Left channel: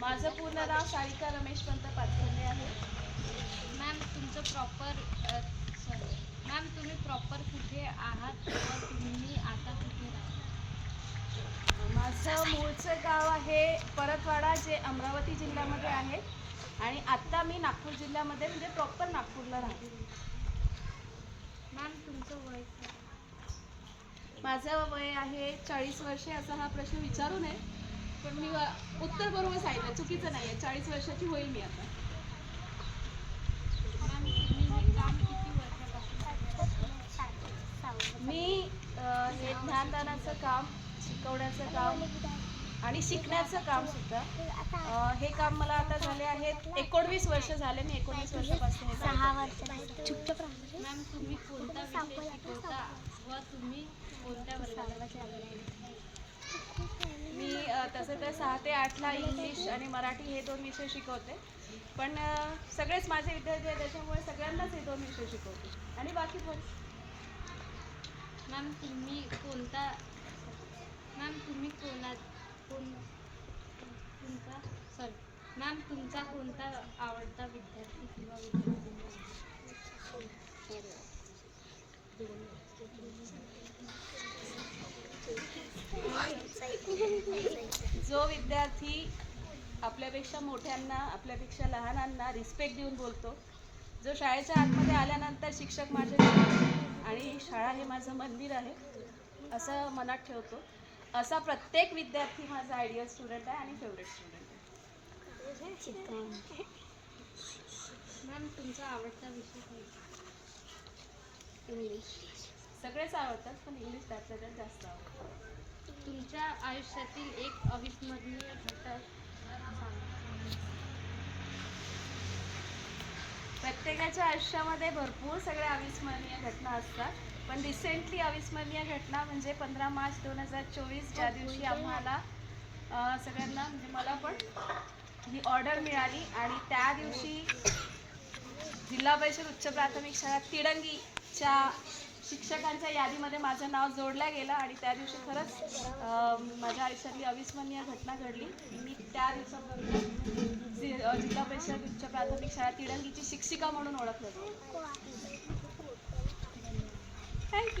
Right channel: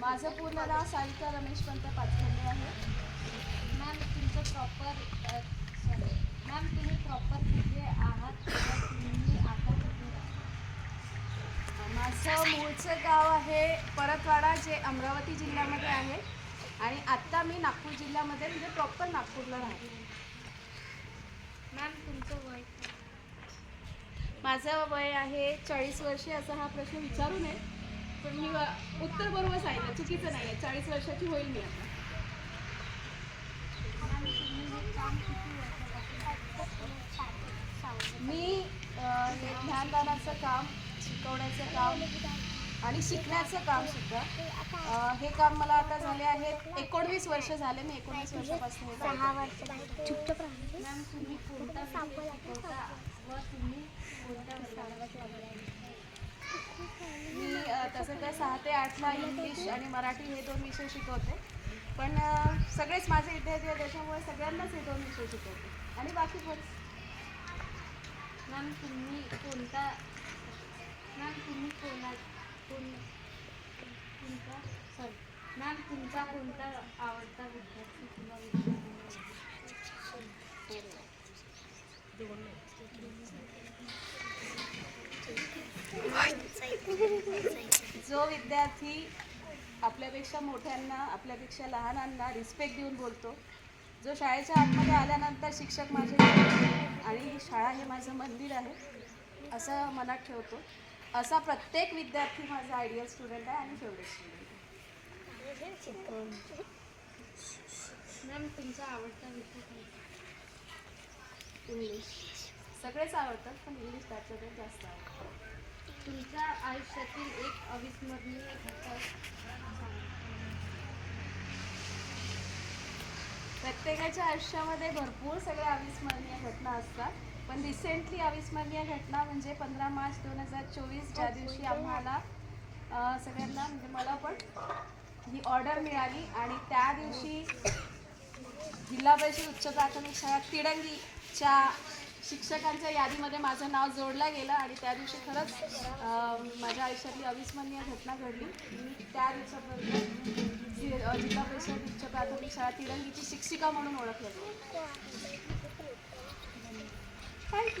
माझं पूर्ण नाव सारिका रमेश पंत पाचखंडे आहे. मॅम तुमचं प्रॉपर मॅम तुम्ही प्रॉपर कुठे आहात व तुम्ही आता कुठे राहता? माझं मूळचं गाव आहे परतवाडा, जे अमरावती जिल्ह्यामध्ये आहे, आणि आत्ता मी नागपूर जिल्ह्यामध्ये म्हणजे प्रॉपर नागपूरला राहते. मॅम तुमचं वय? माझं वय आहे 40 वर्षे. असा हा प्रश्न विचारू नये, पण मी उत्तर बरोबर सांगितलं, चुकीचं नाही आहे. 40 वर्षाची होईल मी आता. मॅम तुम्ही हे काम किती वर्षापासून मी हे ज्ञानदानाचं काम, शिकवण्याचं काम आणि शिकण्याचं काम सुद्धा, हे काम मला आता झाले आहेत 19 वर्ष झाले. मी 19 वर्षापासून हे करते. मॅम तुम्ही कोणता विषय शिकवता व तुम्ही कोणत्या वर्गाला मी तसं तर 6 ते 8ला इंग्लिश आणि मराठी हे 2 विषय शिकवते, पण सगळेच माझे विद्यार्थी आहेत, त्याच्यामुळे सगळ्यांनाच हे 2 विषय शिकवते आणि बाकी पण. मॅम तुम्ही कोणता तुमचा कोणता आवडता विद्यार्थी किंवा जो विद्यार्थी आपल्यापेक्षा मोठ्यांना, आपल्यापेक्षा लहानांना रिस्पेक्ट देऊन बोलतो, जो शाळेच्या आतमध्ये आल्यानंतर शिक्षक माझे आणि शाळा हे माझं मंदिर आहे असं मनात ठेवतो, असा प्रत्येक विद्यार्थी माझा आयडियल स्टुडंट आहे आणि फेवरेट स्टुडंट आहे. मॅम तुमचा आवडता विषय कोणता? इंग्लिश. सगळेच आवडतात, पण इंग्लिश त्याच्या जास्त आवडतं. तुमच्या आयुष्यातील एक अविस्मरणीय घटक सांगा. प्रत्येकाच्या आयुष्यामध्ये भरपूर सगळ्या अविस्मरणीय घटना असतात, पण रिसेंटली अविस्मरणीय घटना म्हणजे 15 मार्च 2024, ज्या दिवशी आम्हाला सगळ्यांना, म्हणजे मला पण ही ऑर्डर मिळाली, आणि त्या दिवशी जिल्हा परिषद उच्च प्राथमिक शाळा तिडंगीच्या शिक्षकांच्या यादीमध्ये माझं नाव जोडलं गेलं, आणि त्या दिवशी खरंच माझ्या आयुष्यातली अविस्मरणीय घटना घडली. मी त्या दिवसापर्यंत जिल्हा परिषद उच्च प्राथमिक शाळा तिडंगीची शिक्षिका म्हणून ओळखलं जाते. थँक्यू.